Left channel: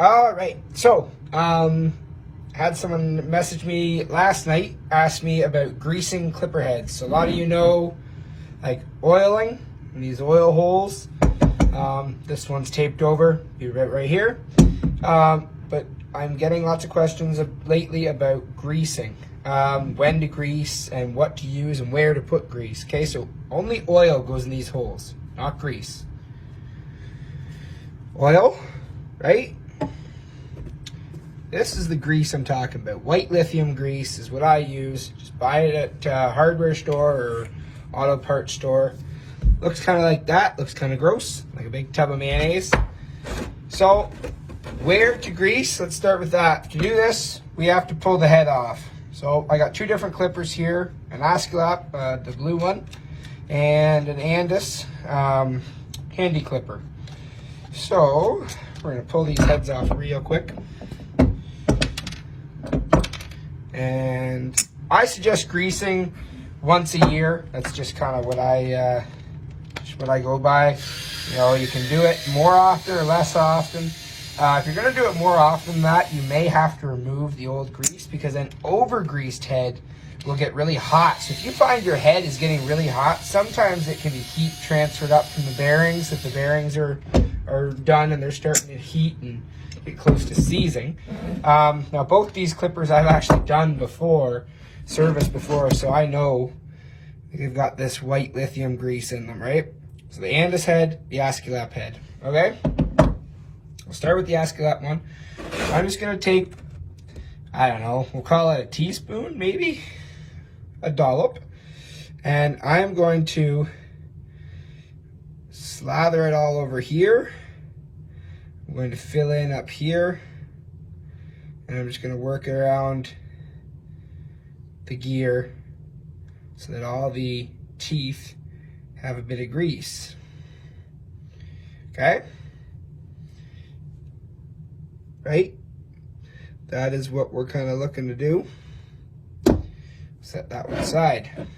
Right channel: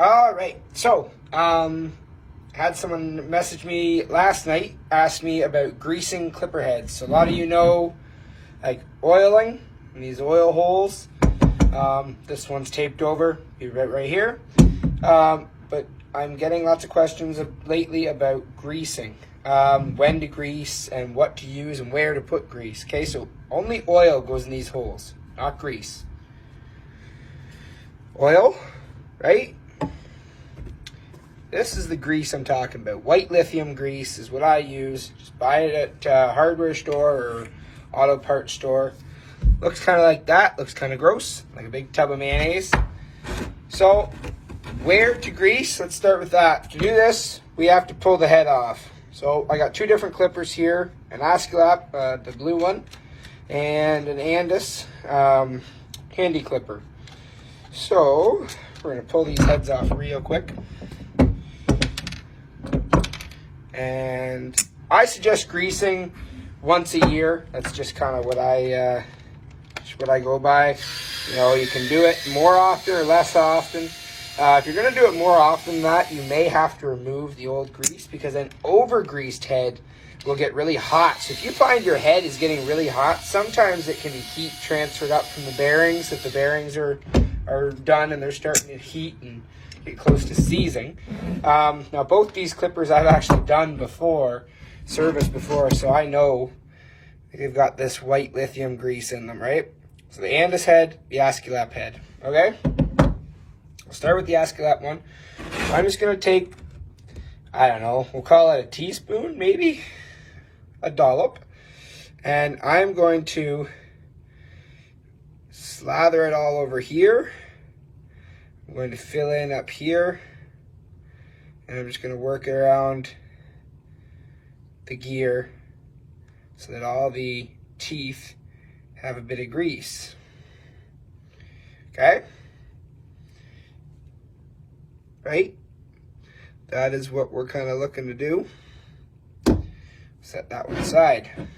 All right, so had someone message me last night, asked me about greasing clipper heads. So a lot of you know, like oiling, these oil holes. This one's taped over, right here. But I'm getting lots of questions lately about greasing. When to grease and what to use and where to put grease. Okay, so only oil goes in these holes, not grease. Oil, right? This is the grease I'm talking about. White lithium grease is what I use. Just buy it at a hardware store or auto parts store. Looks kind of like that. Looks kind of gross, like a big tub of mayonnaise. So, where to grease? Let's start with that. To do this, we have to pull the head off. So, I got two different clippers here. An Askelapp, the blue one, and an Andis handy clipper. So, we're going to pull these heads off real quick. And I suggest greasing once a year. That's just kind of what I go by. You know, you can do it more often or less often. If you're going to do it more often than that, you may have to remove the old grease because an over-greased head will get really hot. So if you find your head is getting really hot, sometimes it can be heat transferred up from the bearings. If the bearings are done and they're starting to heat and get close to seizing. Now both these clippers I've actually done before, serviced before, so I know they've got this white lithium grease in them, right? So the Andis head, the Askelapp head, okay? We'll start with the Askelapp one. So I'm just gonna take, I don't know, we'll call it a teaspoon, maybe a dollop, and I'm going to slather it all over here. I'm going to fill in up here, and I'm just going to work around the gear so that all the teeth have a bit of grease. Okay? Right? That is what we're kind of looking to do. Set that one aside.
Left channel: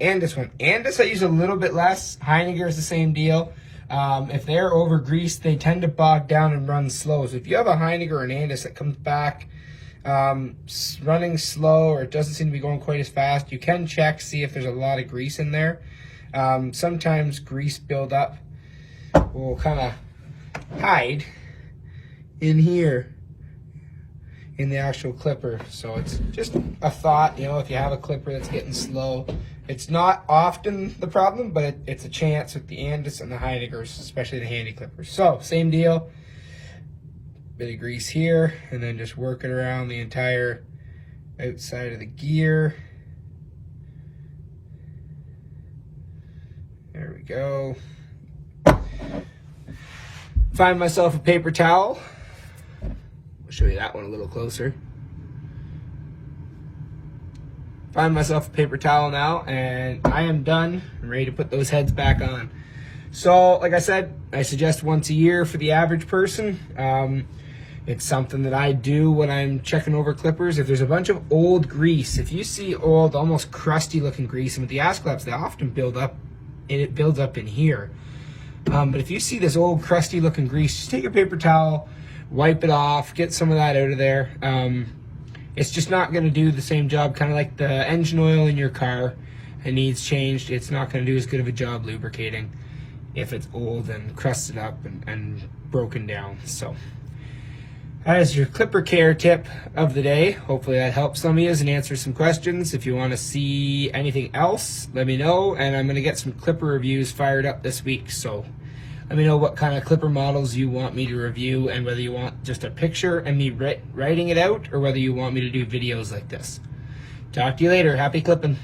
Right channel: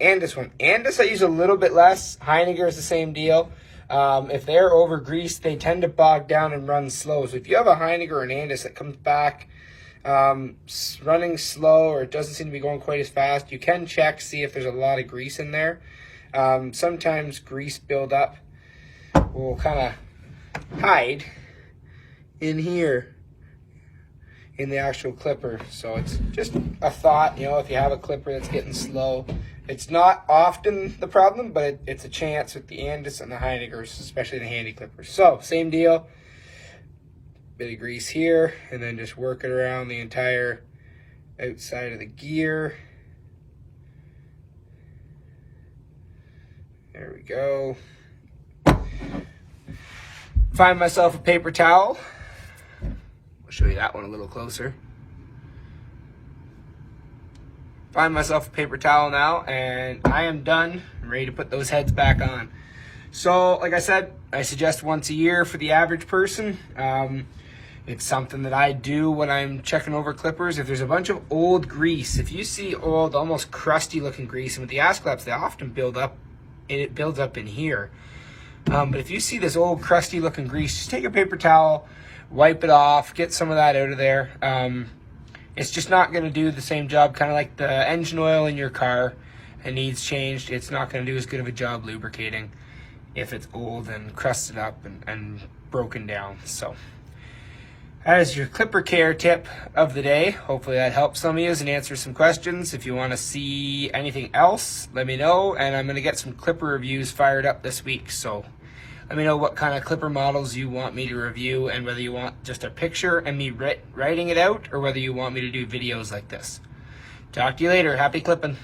Andis one. Andis I use a little bit less. Heiniger is the same deal. If they're over greased, they tend to bog down and run slow. So if you have a Heiniger or an Andis that comes back running slow or it doesn't seem to be going quite as fast, you can check, see if there's a lot of grease in there. Sometimes grease buildup will kind of hide in here in the actual clipper. So it's just a thought, you know, if you have a clipper that's getting slow. It's not often the problem, but it's a chance with the Andis and the Heinigers, especially the handy clippers. So, same deal. Bit of grease here, and then just work it around the entire outside of the gear. There we go. Find myself a paper towel. I'll show you that one a little closer. Find myself a paper towel now, and I am done. I'm ready to put those heads back on. So, like I said, I suggest once a year for the average person. It's something that I do when I'm checking over clippers. If there's a bunch of old grease, if you see old, almost crusty looking grease, and with the Askelapps, they often build up, it builds up in here. But if you see this old crusty looking grease, just take a paper towel, wipe it off, get some of that out of there. It's just not going to do the same job, kind of like the engine oil in your car. It needs changed. It's not going to do as good of a job lubricating if it's old and crusted up and broken down. So that is your clipper care tip of the day. Hopefully that helps some of you and answers some questions. If you want to see anything else, let me know. And I'm going to get some clipper reviews fired up this week. So let me know what kind of clipper models you want me to review and whether you want just a picture and me writing it out or whether you want me to do videos like this. Talk to you later. Happy clipping.